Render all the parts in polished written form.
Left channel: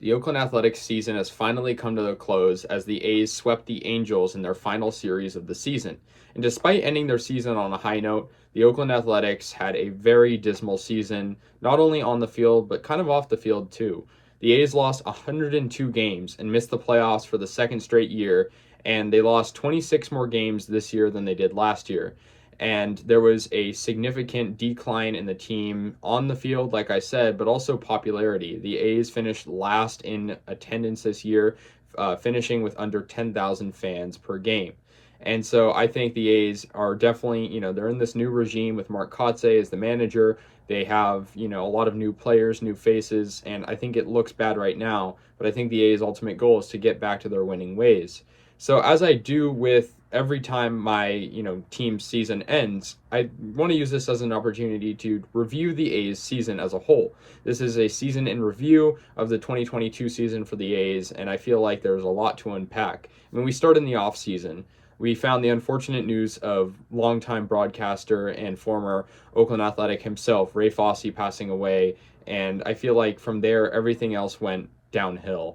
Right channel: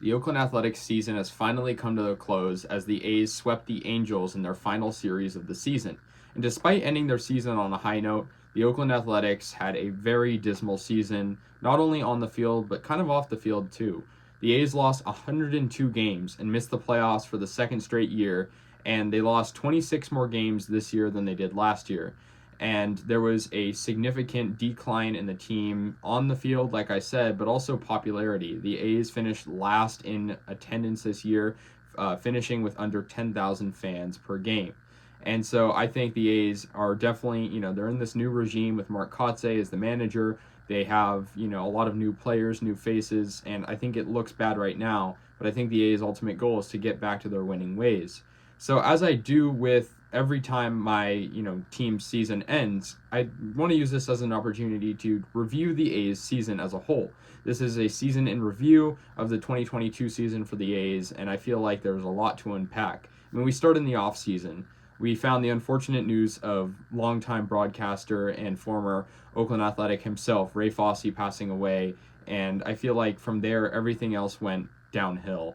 The Oakland Athletics season has finally come to a close as the A's swept the Angels in their final series of the season. And despite ending their season on a high note, the Oakland Athletics had a very dismal season, not only on the field, but kind of off the field too. The A's lost 102 games and missed the playoffs for the second straight year, and they lost 26 more games this year than they did last year. And there was a significant decline in the team on the field, like I said, but also popularity. The A's finished last in attendance this year, finishing with under 10,000 fans per game. And so I think the A's are definitely, they're in this new regime with Mark Kotsay as the manager. They have, a lot of new players, new faces, and I think it looks bad right now, but I think the A's ultimate goal is to get back to their winning ways. So as I do with every time my team's season ends, I want to use this as an opportunity to review the A's season as a whole. This is a season in review of the 2022 season for the A's, and I feel like there's a lot to unpack. When we start in the off season, we found the unfortunate news of longtime broadcaster and former Oakland Athletic himself, Ray Fosse, passing away, and I feel like from there everything else went downhill.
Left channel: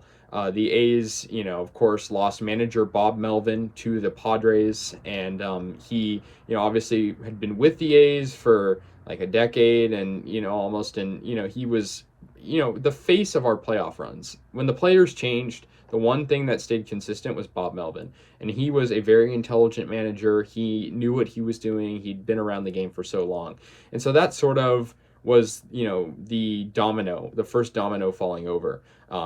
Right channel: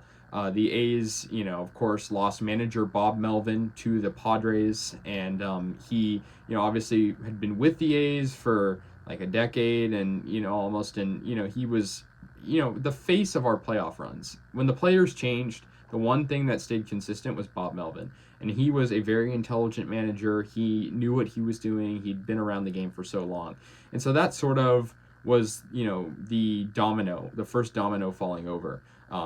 The A's, of course, lost manager Bob Melvin to the Padres, and he, obviously had been with the A's for like a decade, and almost, and he was, the face of our playoff runs. When the players changed, the one thing that stayed consistent was Bob Melvin, and he was a very intelligent manager. He knew what he was doing. He'd been around the game for so long, and so that sort of was, the first domino falling over.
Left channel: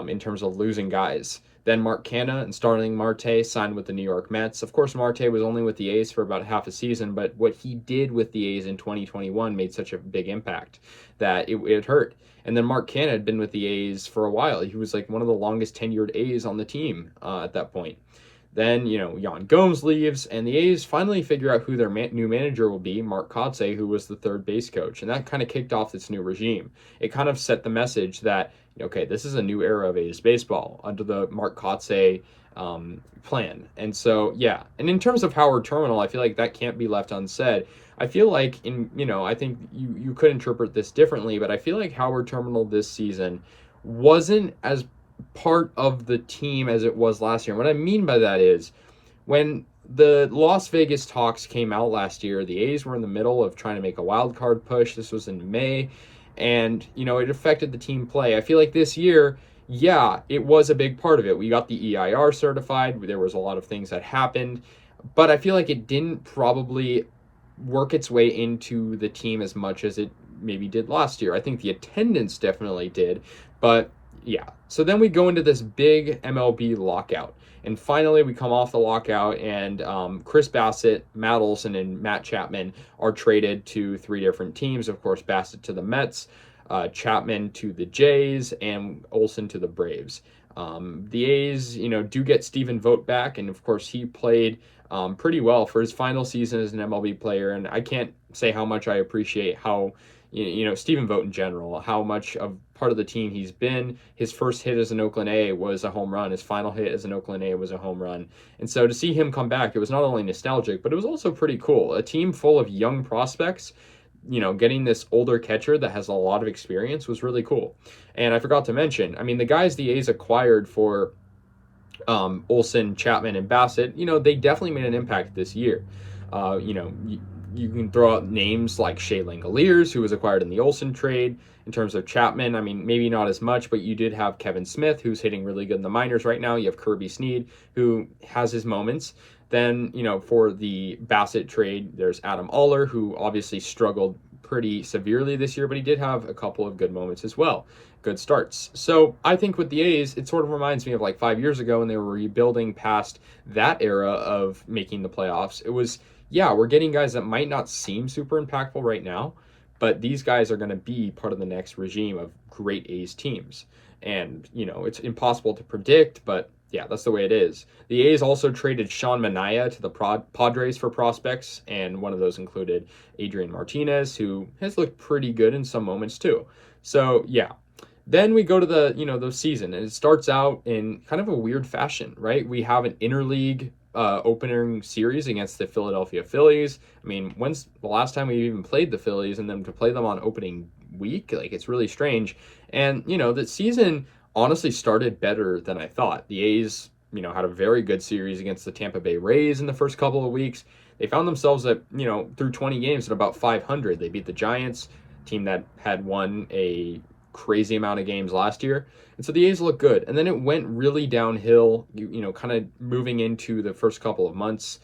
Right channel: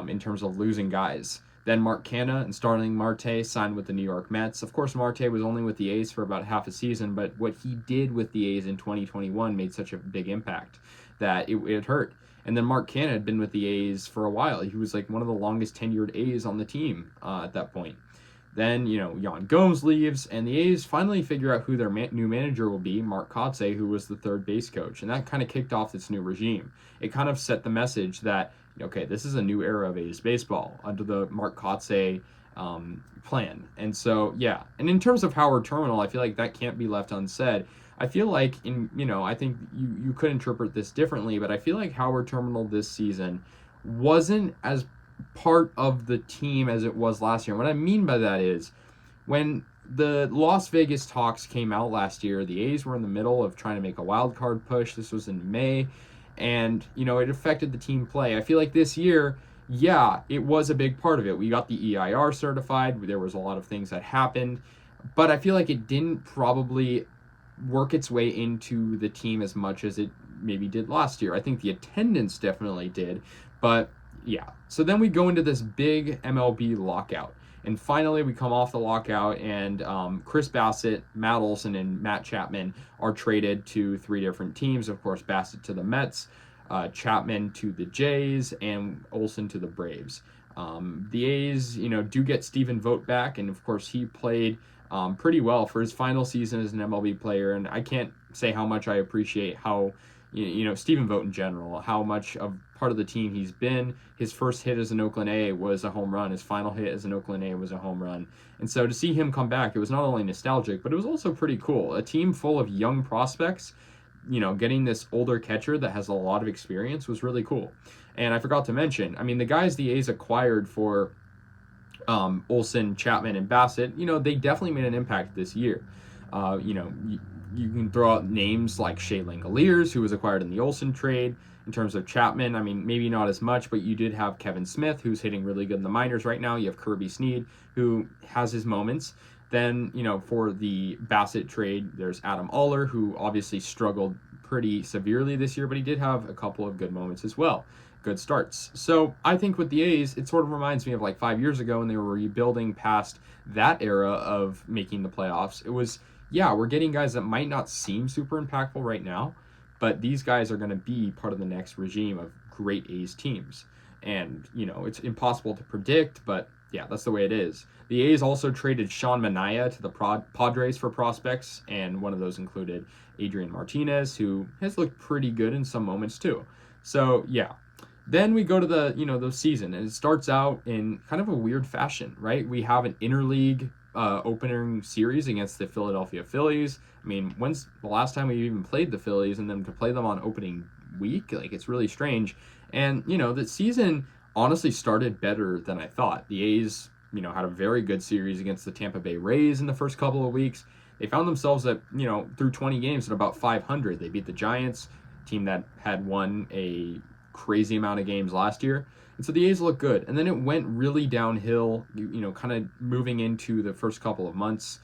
In terms of losing guys. Then Mark Canha and Starling Marte signed with the New York Mets. Of course, Marte was only with the A's for about half a season, but what he did with the A's in 2021 made such a big impact that it hurt. And then Mark Canha had been with the A's for a while. He was like one of the longest tenured A's on the team at that point. Then, Yan Gomes leaves, and the A's finally figure out who their new manager will be, Mark Kotsay, who was the third base coach. And that kind of kicked off this new regime. It kind of set the message that, okay, this is a new era of A's baseball under the Mark Kotsay plan. And so, yeah. And in terms of Howard Terminal, I feel like that can't be left unsaid. I feel like, I think you could interpret this differently, but I feel like Howard Terminal this season wasn't as part of the team as it was last year. And what I mean by that is when the Las Vegas talks came out last year, the A's were in the middle of trying to make a wild card push. This was in May, and it affected the team play. I feel like this year, yeah, it was a big part of it. We got the EIR certified. There was a lot of things that happened, but I feel like it didn't probably work its way into the team as much as it maybe did last year. I think the attendance definitely did, but yeah. So then we go into this big MLB lockout. And finally, we come off the lockout, and Chris Bassitt, Matt Olson, and Matt Chapman are traded to three different teams. Of course, Bassitt to the Mets, Chapman to the Jays, and Olson to the Braves. The A's, do get Stephen Vogt back, and of course, he played pretty well for his final season as an MLB player. And I can't say how much I appreciate how, Stephen Vogt in general, how much of part of the team he's been. His first hit as an Oakland A was a home run. His final hit as an Oakland A was a home run. And so to see him come back, it was not only nostalgic, but it was also pretty cool. A team full of young prospects, getting this older catcher that has a lot of experience was really cool. And I forgot to mention, the guys the A's acquired for Olson, Chapman, and Bassitt, they definitely made an impact this year. You can throw out names like Shea Langoliers, who was acquired in the Olson trade. In terms of Chapman, maybe not as much, but you did have Kevin Smith, who's hitting really good in the minors right now. You have Kirby Snead, who has his moments. Then, for the Bassitt trade, there's Adam Oller, who obviously struggled pretty severely this year, but he did have a couple of good moments as well. Good starts. So I think with the A's, it sort of reminds me of like 5 years ago when they were rebuilding past that era of making the playoffs. It was, yeah, we're getting guys that might not seem super impactful right now, but these guys are going to be part of the next regime of great A's teams. And, it's impossible to predict, but yeah, that's the way it is. The A's also traded Sean Manaea to the Padres for prospects, and one of those included Adrian Martinez, who has looked pretty good in some moments too. So, yeah. Then we go to the season, and it starts out in kind of a weird fashion, right? We have an interleague opening series against the Philadelphia Phillies. When's the last time we even played the Phillies, and then to play them on opening week? Like, it's really strange. And, the season honestly started better than I thought. The A's, had a very good series against the Tampa Bay Rays in the first couple of weeks. They found themselves at, through 20 games at about 500. They beat the Giants, team that had won a crazy amount of games last year. And so the A's look good. And then it went really downhill, kind of moving into the first couple of months.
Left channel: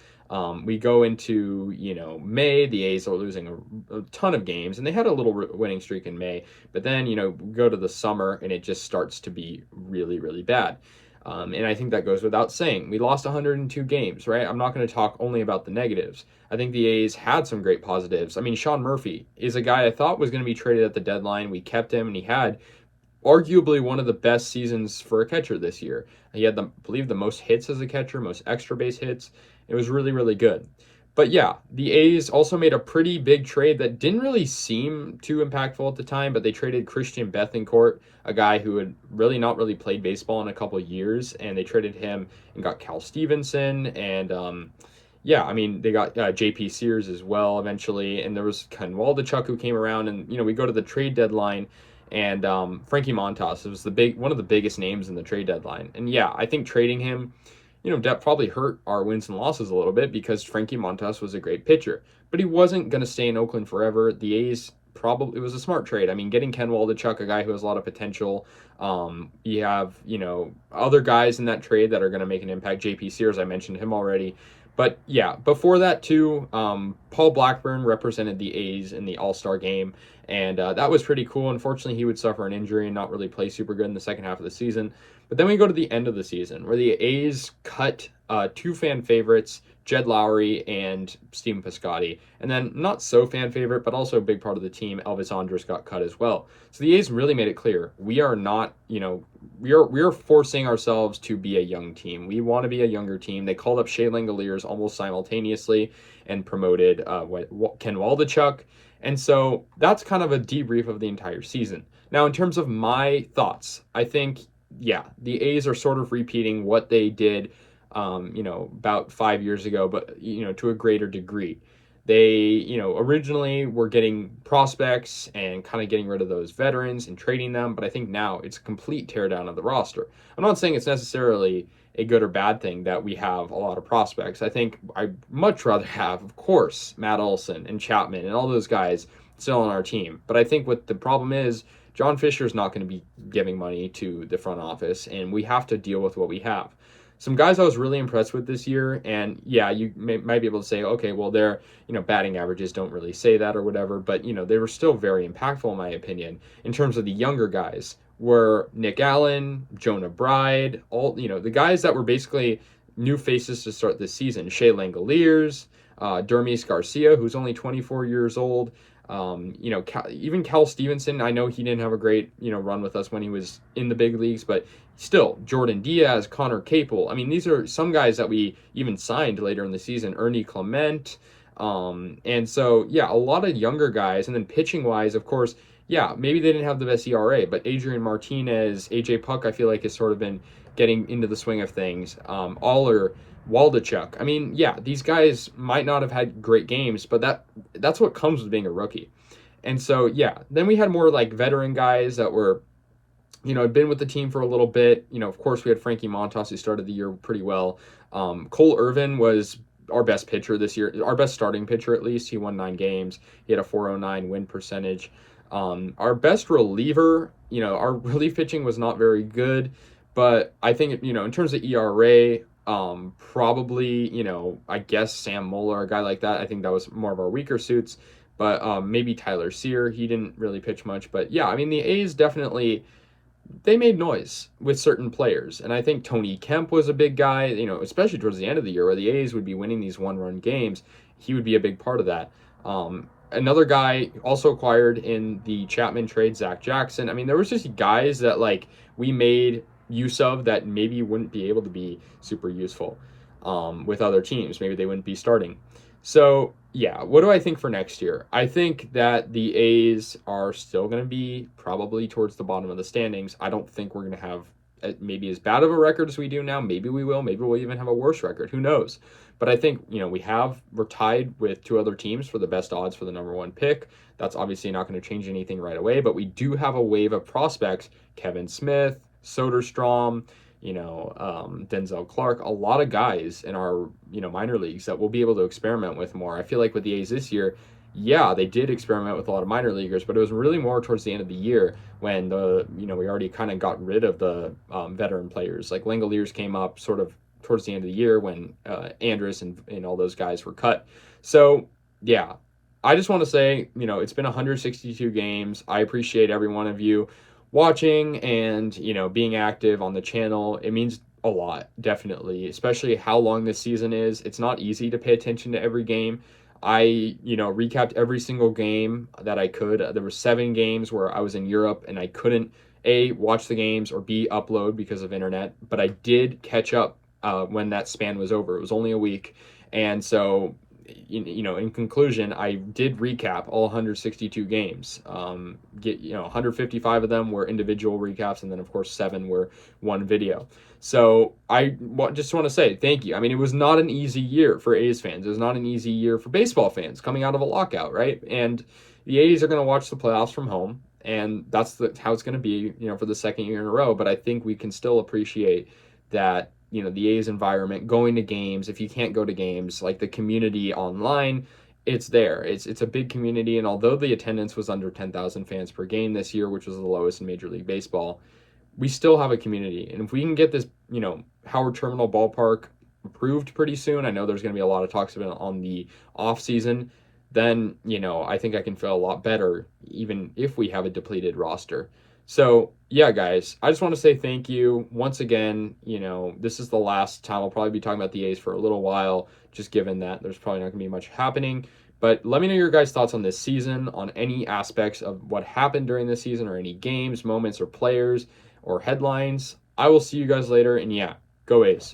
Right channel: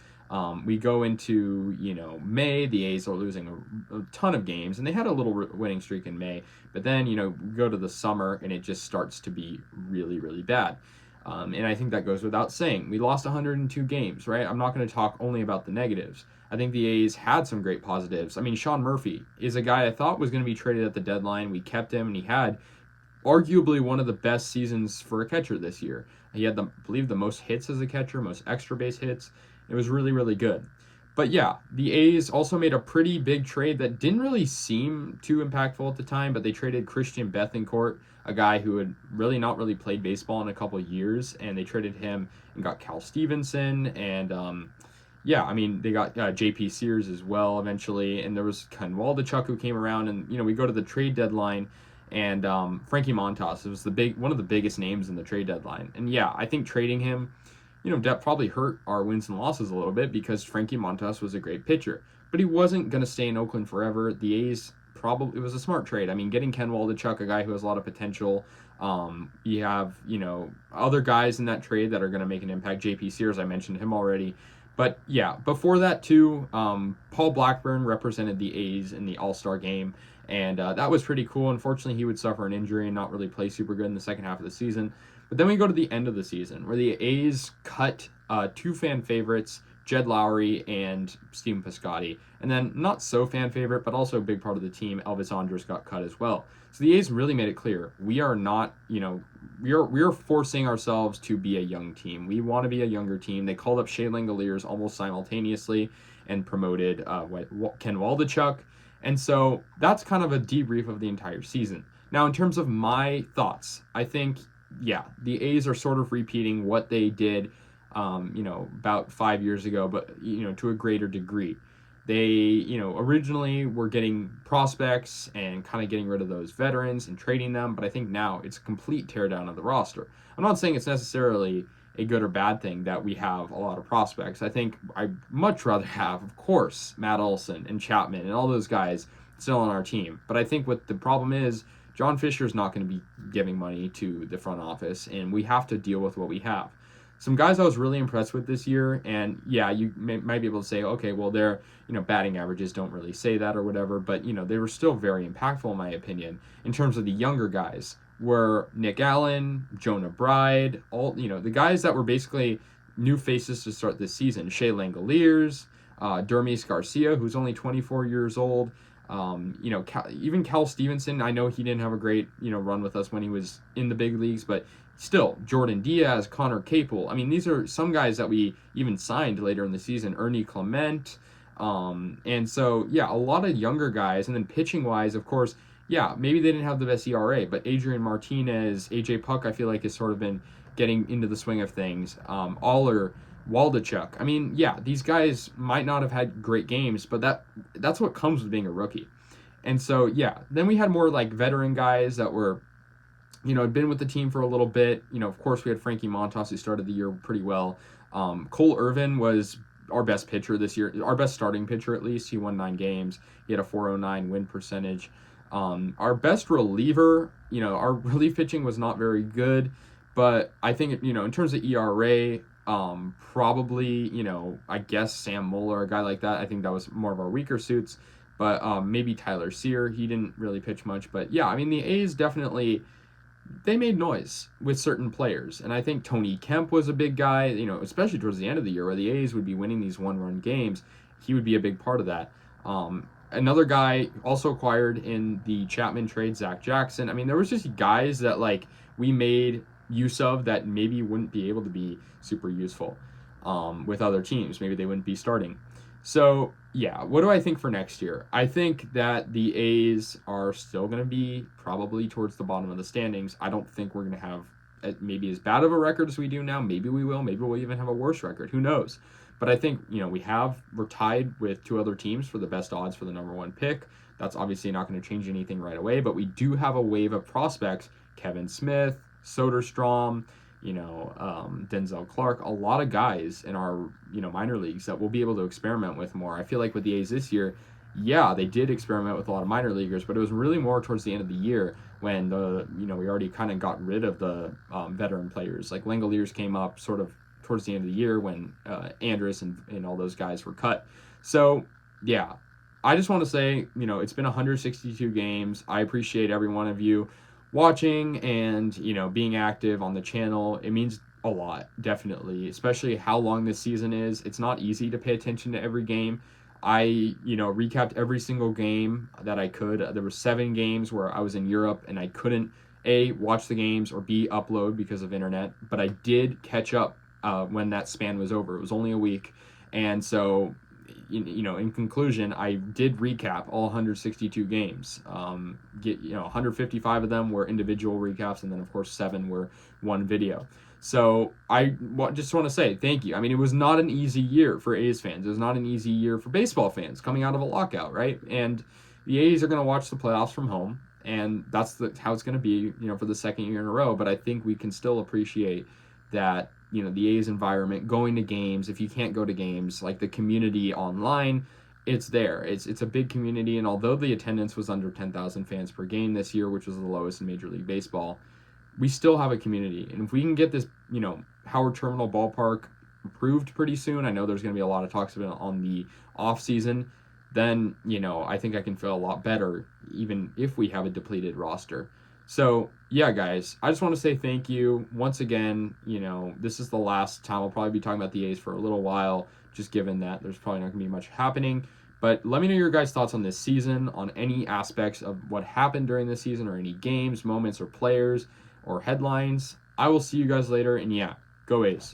We go into, May, the A's are losing a ton of games, and they had a little winning streak in May. But then, we go to the summer, and it just starts to be really, really bad. And I think that goes without saying. We lost 102 games, right? I'm not going to talk only about the negatives. I think the A's had some great positives. I mean, Sean Murphy is a guy I thought was going to be traded at the deadline. We kept him, and he had arguably one of the best seasons for a catcher this year. He had, I believe, the most hits as a catcher, most extra base hits. It was really, really good. But yeah, the A's also made a pretty big trade that didn't really seem too impactful at the time, but they traded Christian Bethancourt, a guy who had really not really played baseball in a couple of years, and they traded him and got Cal Stevenson, and they got J.P. Sears as well eventually, and there was Ken Waldachuk who came around, and we go to the trade deadline, and Frankie Montas was one of the biggest names in the trade deadline, and yeah, I think trading him, that probably hurt our wins and losses a little bit because Frankie Montas was a great pitcher, but he wasn't going to stay in Oakland forever. The A's it was a smart trade. I mean, getting Ken Waldachuk, a guy who has a lot of potential. You have, other guys in that trade that are going to make an impact. J.P. Sears, I mentioned him already. But yeah, before that too, Paul Blackburn represented the A's in the All-Star game, and that was pretty cool. Unfortunately, he would suffer an injury and not really play super good in the second half of the season. But then we go to the end of the season where the A's cut two fan favorites, Jed Lowry and Steven Piscotty. And then not so fan favorite, but also a big part of the team, Elvis Andrus got cut as well. So the A's really made it clear, we are not, we are forcing ourselves to be a young team. We want to be a younger team. They called up Shea Langoliers almost simultaneously and promoted Ken Waldachuk. And so that's kind of a debrief of the entire season. Now, in terms of my thoughts, I think, yeah, the A's are sort of repeating what they did, about 5 years ago, but, to a greater degree. They, originally were getting prospects and kind of getting rid of those veterans and trading them, but I think now it's a complete teardown of the roster. I'm not saying it's necessarily a good or bad thing that we have a lot of prospects. I think I'd much rather have, of course, Matt Olson and Chapman and all those guys still on our team. But I think what the problem is, John Fisher's not going to be giving money to the front office, and we have to deal with what we have. Some guys I was really impressed with this year, and yeah, you might be able to say, okay, well, their batting averages don't really say that or whatever, but they were still very impactful in my opinion. In terms of the younger guys, were Nick Allen, Jonah Bride, all the guys that were basically new faces to start this season. Shea Langoliers, Dermis Garcia, who's only 24 years old. Even Cal Stevenson, I know he didn't have a great, run with us when he was in the big leagues, but still, Jordan Diaz, Connor Capel. I mean, these are some guys that we even signed later in the season. Ernie Clement. And so, yeah, a lot of younger guys. And then pitching-wise, of course, yeah, maybe they didn't have the best ERA, but Adrian Martinez, AJ Puck, I feel like has sort of been getting into the swing of things. Aller, Waldachuk. I mean, yeah, these guys might not have had great games, but that's what comes with being a rookie. And so, yeah, then we had more like veteran guys that were, had been with the team for a little bit. Of course, we had Frankie Montas, who started the year pretty well. Cole Irvin was our best pitcher this year, our best starting pitcher at least. He won 9 games. He had a .409 win percentage. Our best reliever, our relief pitching was not very good, but I think, in terms of ERA, probably, I guess Sam Moeller, a guy like that, I think that was more of our weaker suits, but maybe Tyler Sear, he didn't really pitch much, but yeah, I mean, the A's definitely, they made noise with certain players, and I think Tony Kemp was a big guy, especially towards the end of the year where the A's would be winning these one-run games, he would be a big part of that. Another guy also acquired in the Chapman trade, Zach Jackson. I mean, there was just guys that we made use of that maybe wouldn't be able to be super useful with other teams. Maybe they wouldn't be starting. So yeah, what do I think for next year? I think that the A's are still going to be probably towards the bottom of the standings. I don't think we're going to have maybe as bad of a record as we do now. Maybe we will. Maybe we'll even have a worse record. Who knows? But I think, we're tied with 2 other teams for the best odds for the number 1 pick. That's obviously not going to change anything right away, but we do have a wave of prospects. Kevin Smith, Soderstrom, Denzel Clark, a lot of guys in our, minor leagues that we'll be able to experiment with more. I feel like with the A's this year, yeah, they did experiment with a lot of minor leaguers, but it was really more towards the end of the year when we already kind of got rid of the veteran players. Like Langoliers came up sort of towards the end of the year when Andrus and all those guys were cut. So, yeah, I just want to say, it's been 162 games. I appreciate every one of you watching and, being active on the channel. It means a lot, definitely, especially how long this season is. It's not easy to pay attention to every game. I, recapped every single game that I could. There were 7 games where I was in Europe and I couldn't, A, watch the games, or B, upload because of internet, but I did catch up when that span was over. It was only a week, and so, in conclusion, I did recap all 162 games. 155 of them were individual recaps, and then, of course, 7 were one video. So I just want to say thank you. I mean, it was not an easy year for A's fans. It was not an easy year for baseball fans coming out of a lockout, right? And the A's are going to watch the playoffs from home, and that's how it's going to be, for the second year in a row. But I think we can still appreciate that, the A's environment, going to games. If you can't go to games, like the community online, it's there. It's a big community, and although the attendance was under 10,000 fans per game this year, which was the lowest in Major League Baseball, we still have a community. And if we can get this, Howard Terminal Ballpark approved pretty soon, I know there's going to be a lot of talks about it on the off season, then, I think I can feel a lot better, even if we have a depleted roster. So, yeah, guys, I just want to say thank you once again. This is the last time I'll probably be talking about the A's for a little while, just given that there's probably not going to be much happening. But let me know your guys' thoughts on this season, on any aspects of what happened during this season, or any games, moments, or players, or headlines. I will see you guys later, and yeah, go A's.